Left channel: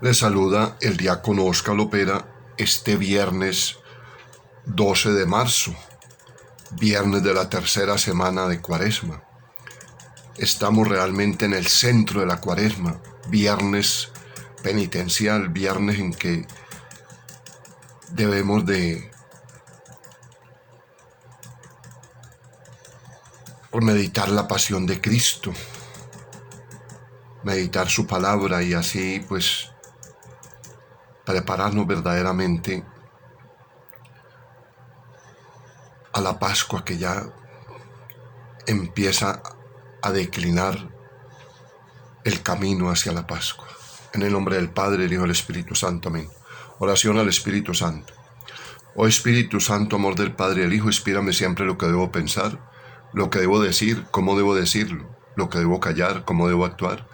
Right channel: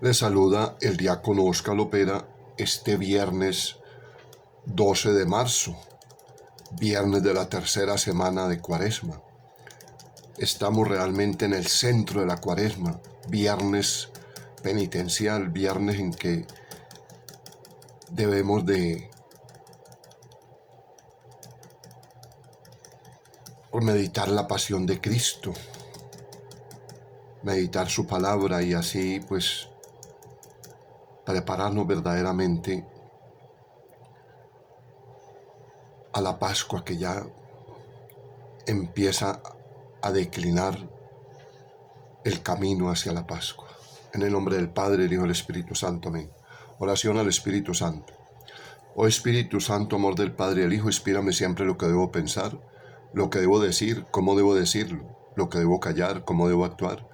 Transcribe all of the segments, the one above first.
Le saluda el diácono Óscar Lopera este viernes 12 de marzo, viernes de la tercera semana de Cuaresma. Estamos realmente en el centro de la Cuaresma, viernes penitencial, viernes en que debemos de meditar la pasión de Cristo, meditar su palabra y así pues prepararnos verdaderamente a la Pascua que ya empieza a declinar el camino hacia la Pascua. En el nombre del Padre, el Hijo y el Espíritu Santo. Amén. Oración al Espíritu Santo. Oh Espíritu Santo, amor del Padre y el Hijo, inspírame siempre lo que debo pensar, lo que debo decir, cómo debo decirlo, lo que debo callar, cómo debo actuar,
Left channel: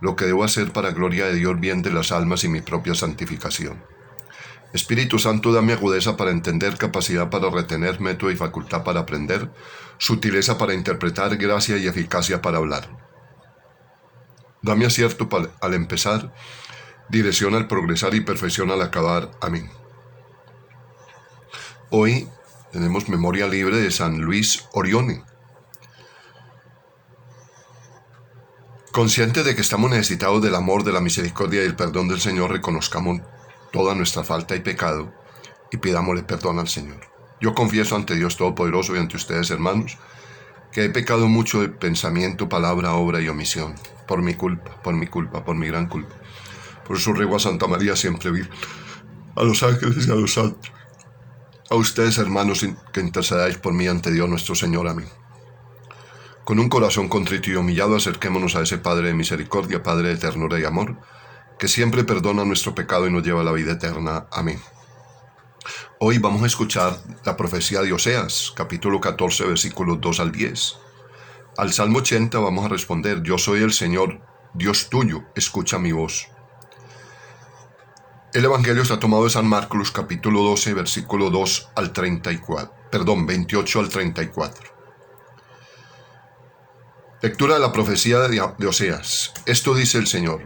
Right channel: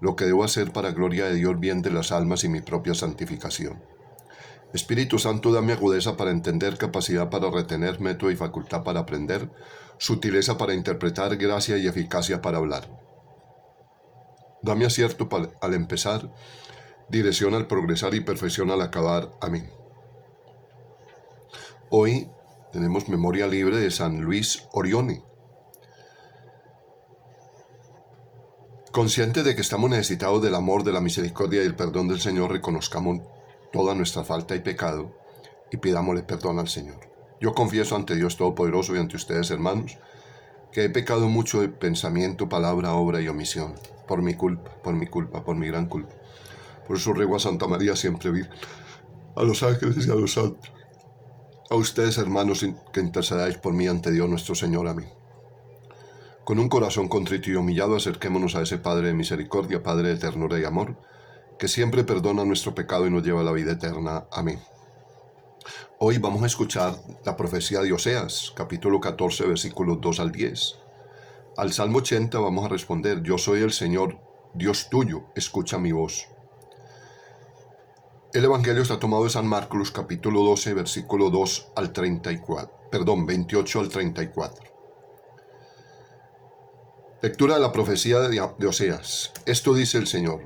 lo que debo hacer para gloria de Dios, bien de las almas y mi propia santificación. Espíritu Santo, dame agudeza para entender, capacidad para retener, método y facultad para aprender, sutileza para interpretar, gracia y eficacia para hablar. Dame acierto al empezar, dirección al progresar y perfección al acabar. Amén. Hoy tenemos memoria libre de San Luis Orione. Conscientes de que estamos necesitados del amor, de la misericordia y del perdón del Señor, reconozcamos toda nuestra falta y pecado y pidámosle perdón al Señor. Yo confieso ante Dios Todopoderoso y ante ustedes, hermanos, que he pecado mucho de pensamiento, palabra, obra y omisión, por mi culpa, por mi gran culpa. Por eso ruego a Santa María siempre Virgen, a los ángeles y a los santos, a ustedes, hermanos, que intercedáis por mí ante Dios nuestro Señor. Amén. Con un corazón contrito y humillado, acerquémonos a ese Padre de misericordia, Padre de ternura y amor, que siempre perdona nuestro pecado y nos lleva a la vida eterna. Amén. Hoy vamos a escuchar la profecía de Oseas, capítulo 14, versículos 2 al 10. Al Salmo 80 vamos a responder: Yo soy el Señor, Dios tuyo, escucha mi voz. El Evangelio está tomado de San Marcos, capítulo 12, versículo 2 al 28 al 34. Lectura de la profecía de Oseas. Esto dice el Señor:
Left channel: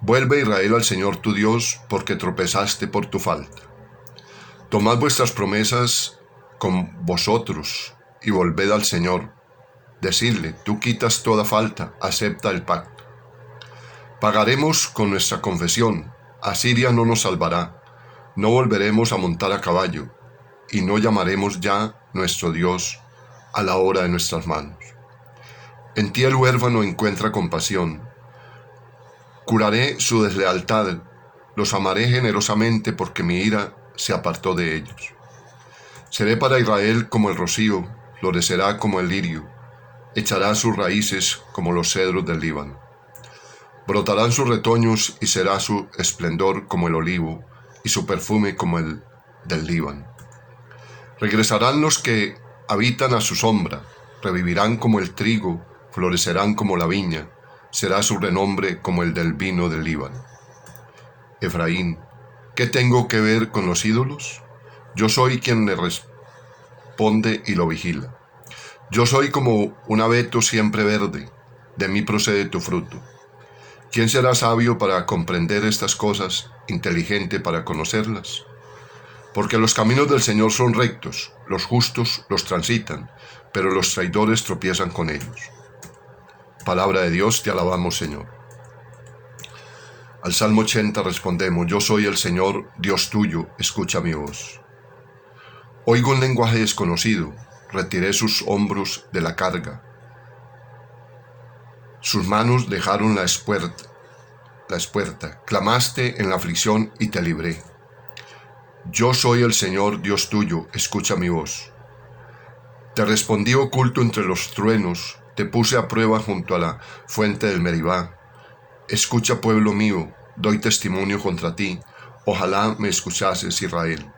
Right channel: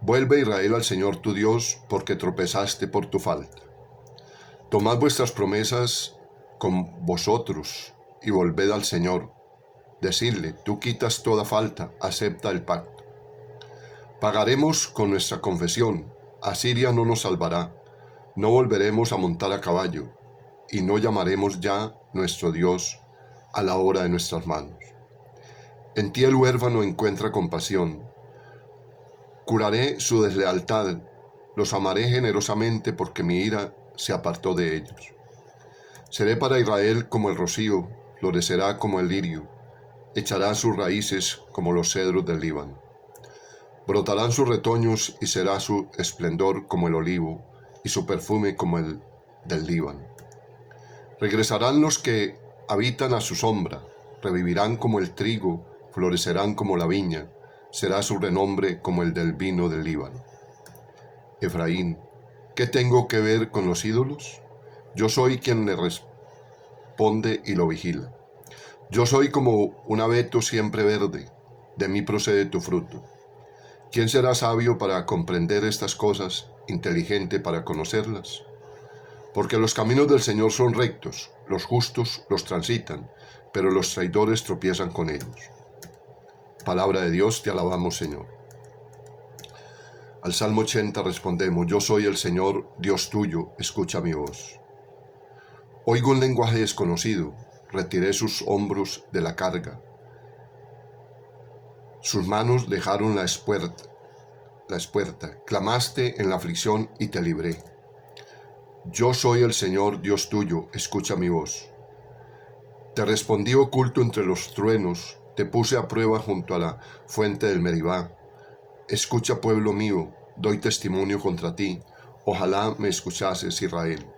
Vuelve, Israel, al Señor tu Dios, porque tropezaste por tu falta. Tomad vuestras promesas con vosotros y volved al Señor. Decidle: tú quitas toda falta, acepta el pacto. Pagaremos con nuestra confesión. Asiria no nos salvará. No volveremos a montar a caballo, y no llamaremos ya nuestro Dios a la hora de nuestras manos. En ti el huérfano encuentra compasión. Curaré su deslealtad, los amaré generosamente porque mi ira se apartó de ellos. Seré para Israel como el rocío, florecerá como el lirio, echará sus raíces como los cedros del Líbano. Brotarán sus retoños y será su esplendor como el olivo y su perfume como el del Líbano. Regresarán los que habitan a su sombra, revivirán como el trigo, florecerán como la viña, será su renombre como el del vino del Líbano. Efraín, ¿qué tengo que ver con los ídolos? Yo soy quien le responde y lo vigila. Yo soy como un abeto siempre verde, de mí procede tu fruto. ¿Quién será sabio para comprender estas cosas, inteligente para conocerlas? Porque los caminos del Señor son rectos, los justos los transitan, pero los traidores tropiezan con ellos. Palabra de Dios, te alabamos, Señor. Al Salmo 80 respondemos: Yo soy el Señor, Dios tuyo, escucha mi voz. Oigo un lenguaje desconocido, retiré sus hombros de la carga. Sus manos dejaron la espuerta, clamaste en la aflicción y te libré. Yo soy el Señor, Dios tuyo, escucha mi voz. Te respondí oculto entre los truenos, te puse a prueba junto a la fuente del Meribá. Escucha, pueblo mío, doy testimonio contra ti, ojalá me escuchases, Israel.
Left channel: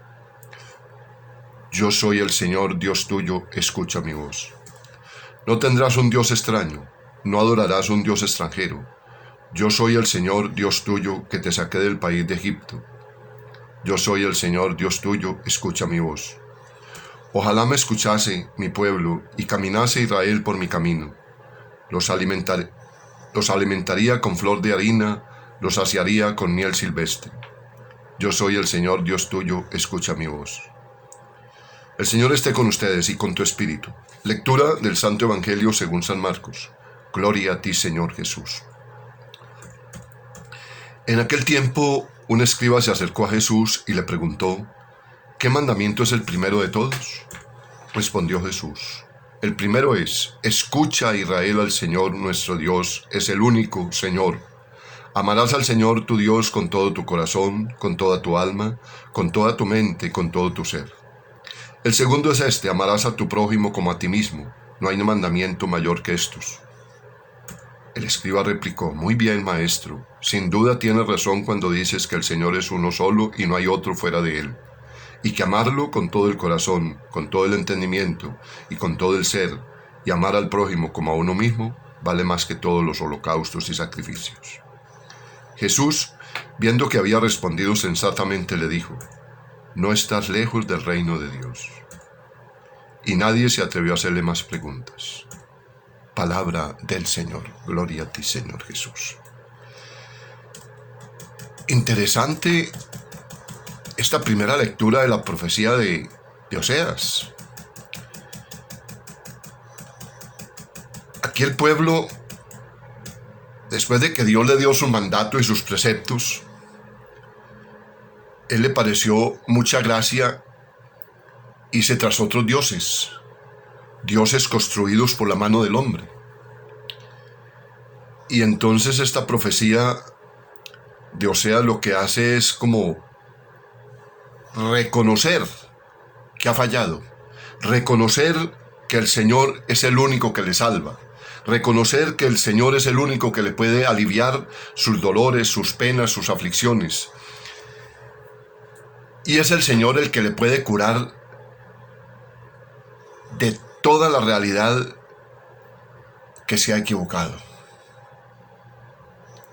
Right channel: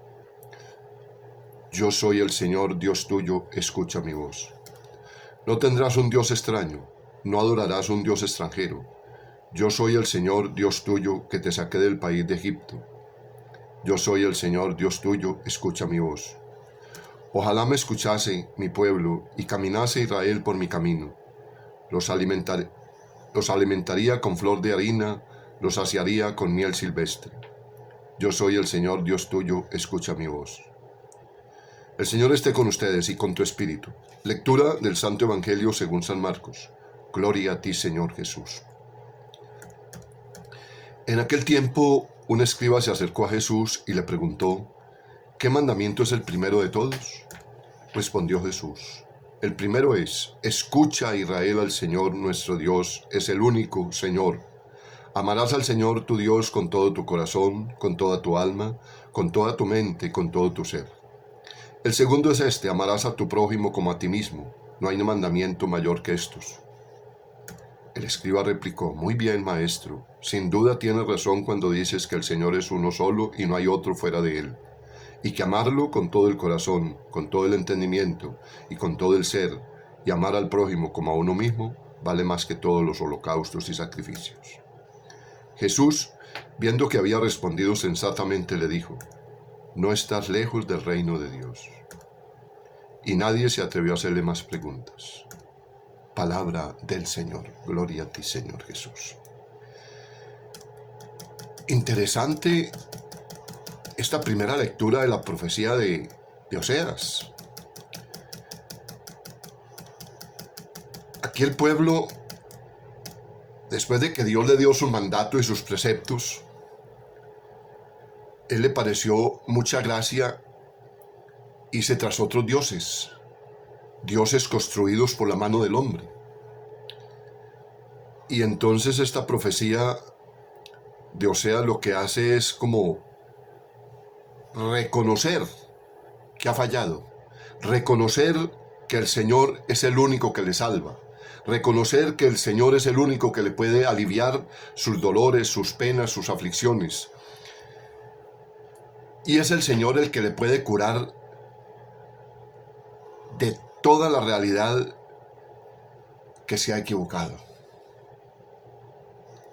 Yo soy el Señor, Dios tuyo, escucha mi voz. No tendrás un Dios extraño, no adorarás un Dios extranjero. Yo soy el Señor, Dios tuyo, que te saqué del país de Egipto. Yo soy el Señor, Dios tuyo, escucha mi voz. Ojalá me escuchase mi pueblo y caminase Israel por mi camino. Los alimentaría con flor de harina, Los saciaría con miel silvestre. Yo soy el Señor Dios tuyo, escucha mi voz. El Señor esté con ustedes y con tu espíritu. Lectura del Santo Evangelio según San Marcos. Gloria a ti, Señor Jesús. En aquel tiempo, un escriba se acercó a Jesús y le preguntó: ¿qué mandamiento es el primero de todos? Respondió Jesús: el primero es: escucha, Israel, al Señor nuestro Dios es el único Señor. Amarás al Señor tu Dios con todo tu corazón, con toda tu alma, con toda tu mente y con todo tu ser. El segundo es este: amarás a tu prójimo como a ti mismo. No hay mandamiento mayor que estos. El escriba replicó: muy bien, maestro, sin duda tienes razón cuando dices que el Señor es uno solo y no hay otro fuera de él, y que amarlo con todo el corazón, con todo el entendimiento y con todo el ser, y amar al prójimo como a uno mismo, vale más que todos los holocaustos y sacrificios. Jesús, viendo que había respondido sensatamente, le dijo: no estás lejos del reino de Dios. Y nadie se atrevió a hacerle más preguntas. Palabra del Señor. Gloria a ti, Señor Jesús. Interesante esta primera lectura de la profecía de Oseas. Aquí el pueblo, después de que Dios le dio su mandato y sus preceptos, él le pareció mucha gracia irse tras otros dioses, dioses construidos por la mano del hombre. Y entonces esta profecía de Oseas lo que hace es como reconocer que ha fallado, reconocer que el Señor es el único que le salva, reconocer que el Señor es el único que le puede aliviar sus dolores, sus penas, sus aflicciones. Y es el Señor el que le puede curar de toda la realidad que se ha equivocado.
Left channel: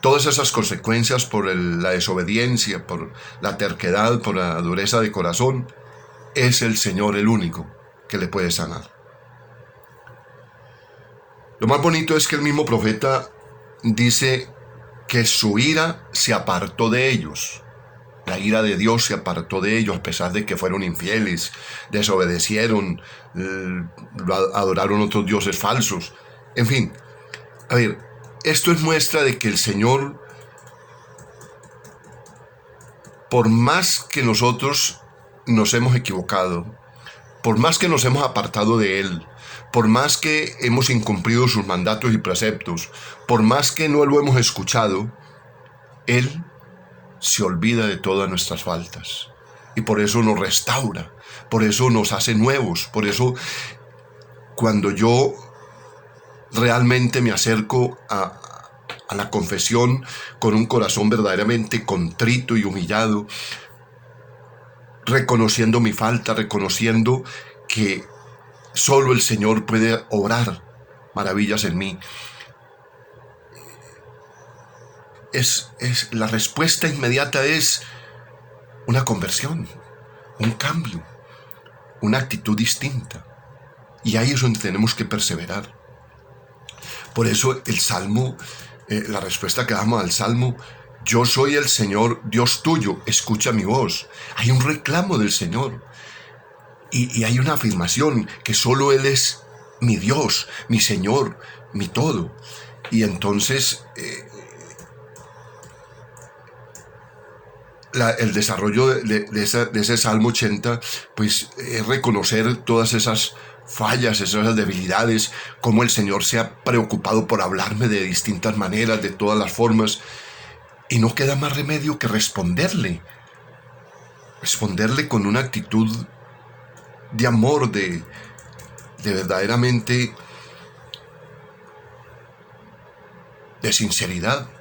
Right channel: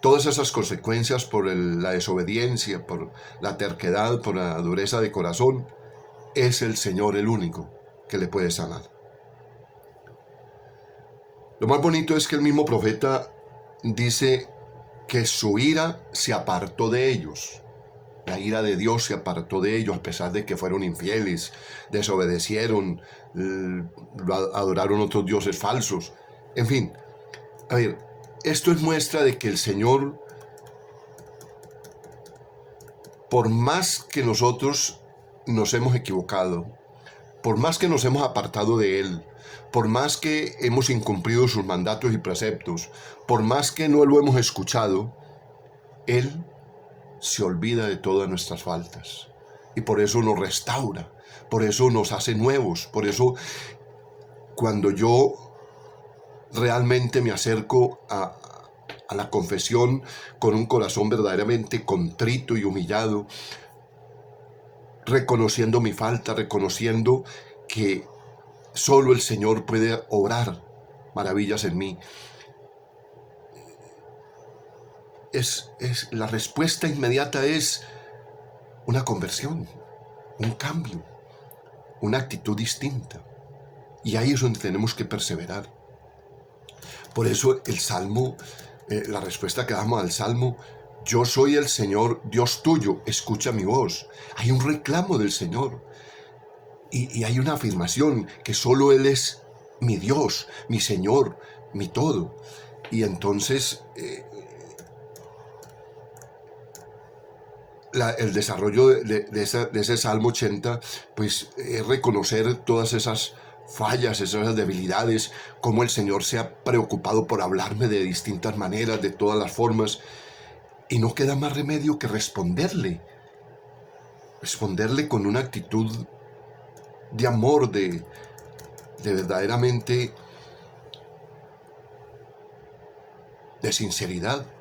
Todas esas consecuencias por la desobediencia, por la terquedad, por la dureza de corazón, es el Señor el único que le puede sanar. Lo más bonito es que el mismo profeta dice que su ira se apartó de ellos. La ira de Dios se apartó de ellos a pesar de que fueron infieles, desobedecieron, adoraron otros dioses falsos. En fin, a ver, esto es muestra de que el Señor, por más que nosotros nos hemos equivocado, por más que nos hemos apartado de Él, por más que hemos incumplido sus mandatos y preceptos, por más que no lo hemos escuchado, Él se olvida de todas nuestras faltas y por eso nos restaura, por eso nos hace nuevos. Por eso cuando yo realmente me acerco a la confesión con un corazón verdaderamente contrito y humillado, reconociendo mi falta, reconociendo que solo el Señor puede obrar maravillas en mí, la respuesta inmediata es una conversión, un cambio, una actitud distinta. Y ahí es donde tenemos que perseverar. Por eso el Salmo, la respuesta que damos al Salmo: yo soy el Señor Dios tuyo, escucha mi voz. Hay un reclamo del Señor y hay una afirmación que solo Él es mi Dios, mi Señor, mi todo. Y entonces el desarrollo de ese Salmo 80, pues es reconocer todas esas fallas, esas debilidades, cómo el Señor se ha preocupado por hablarme de distintas maneras, de todas las formas, y no queda más remedio que responderle con una actitud de amor, de verdaderamente de sinceridad.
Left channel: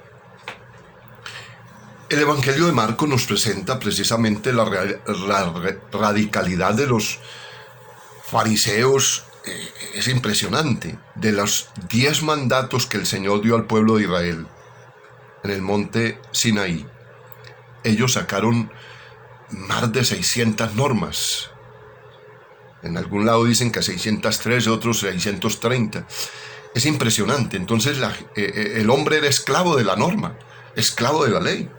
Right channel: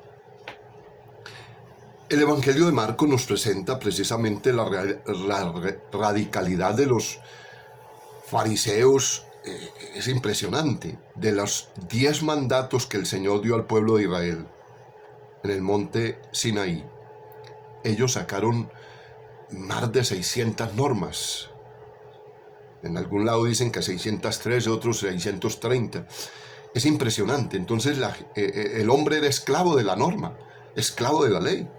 El Evangelio de Marcos nos presenta precisamente la radicalidad de los fariseos. Es impresionante. De los 10 mandatos que el Señor dio al pueblo de Israel en el monte Sinaí, ellos sacaron más de 600 normas. En algún lado dicen que 603, otros 630. Es impresionante. Entonces el hombre era esclavo de la norma. esclavo de la ley.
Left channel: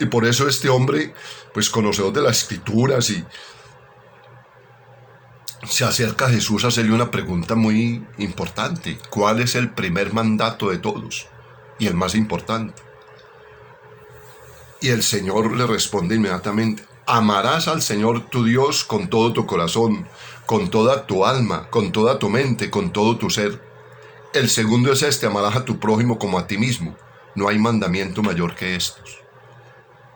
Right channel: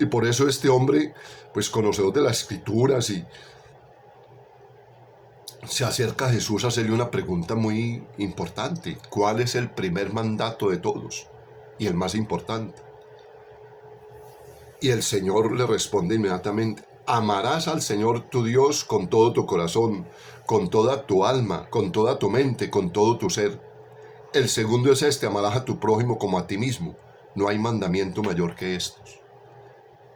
Y por eso este hombre, pues conocedor de las escrituras, y se acerca a Jesús a hacerle una pregunta muy importante. ¿Cuál es el primer mandato de todos? Y el más importante. Y el Señor le responde inmediatamente: amarás al Señor tu Dios con todo tu corazón, con toda tu alma, con toda tu mente, con todo tu ser. El segundo es este: amarás a tu prójimo como a ti mismo. No hay mandamiento mayor que estos.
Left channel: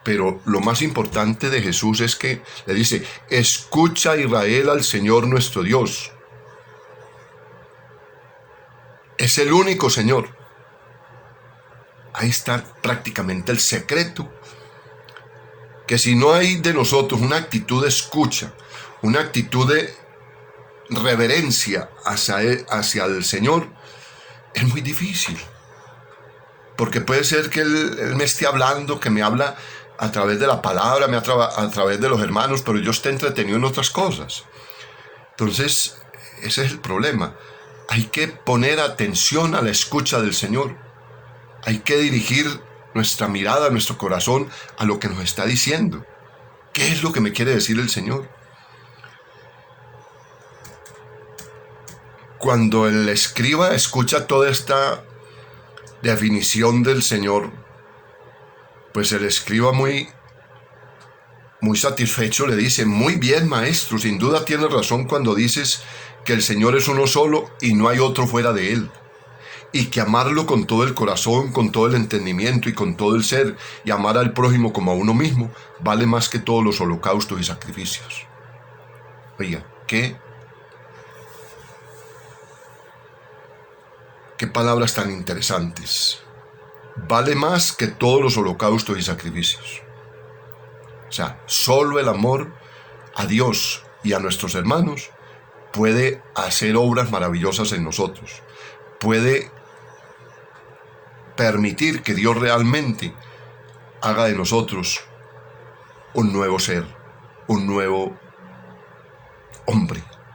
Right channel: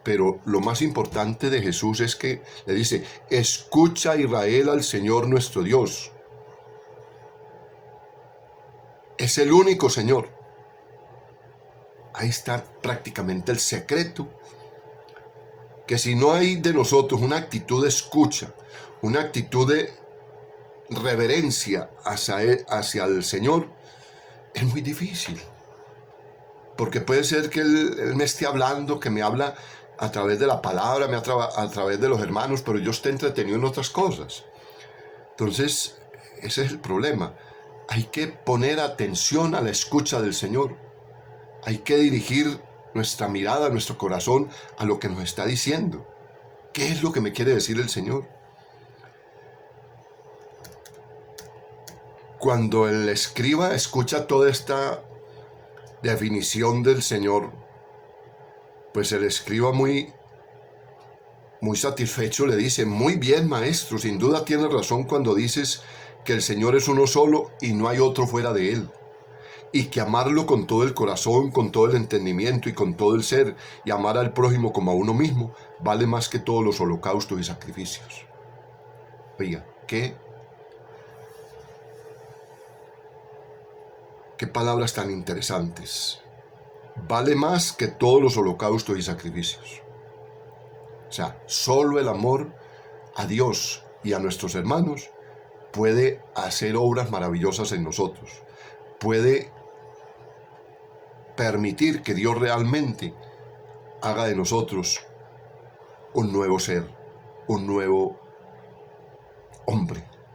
Pero lo más importante de Jesús es que le dice: escucha, Israel, al Señor nuestro Dios. Es el único Señor. Ahí está prácticamente el secreto. Que si no hay de nosotros una actitud de escucha, una actitud de reverencia hacia el Señor, es muy difícil. Porque puede ser que él me esté hablando, que me habla a través de la palabra, a través de los hermanos, pero yo esté entretenido en otras cosas. Entonces, ese es el problema. Hay que poner atención a la escucha del Señor. Hay que dirigir nuestra mirada, nuestro corazón a lo que nos está diciendo. ¿Qué es lo que me quiere decir el Señor? Cuando el escriba escucha toda esta definición del Señor, pues el escriba muy satisfecho le dice: muy bien, maestro, sin duda tienes razón cuando dices que el Señor es uno solo y no hay otro fuera de él, y que amarlo con todo el corazón, con todo el entendimiento y con todo el ser, y amar al prójimo como a uno mismo, vale más que todos los holocaustos y sacrificios. Oiga, qué palabras tan interesantes. Vale más que todos los holocaustos y sacrificios. O sea, solo el amor a Dios y a nuestros hermanos puede hacer obras maravillosas en nosotros. Puede permitir que Dios realmente haga de nosotros un nuevo ser, un nuevo hombre.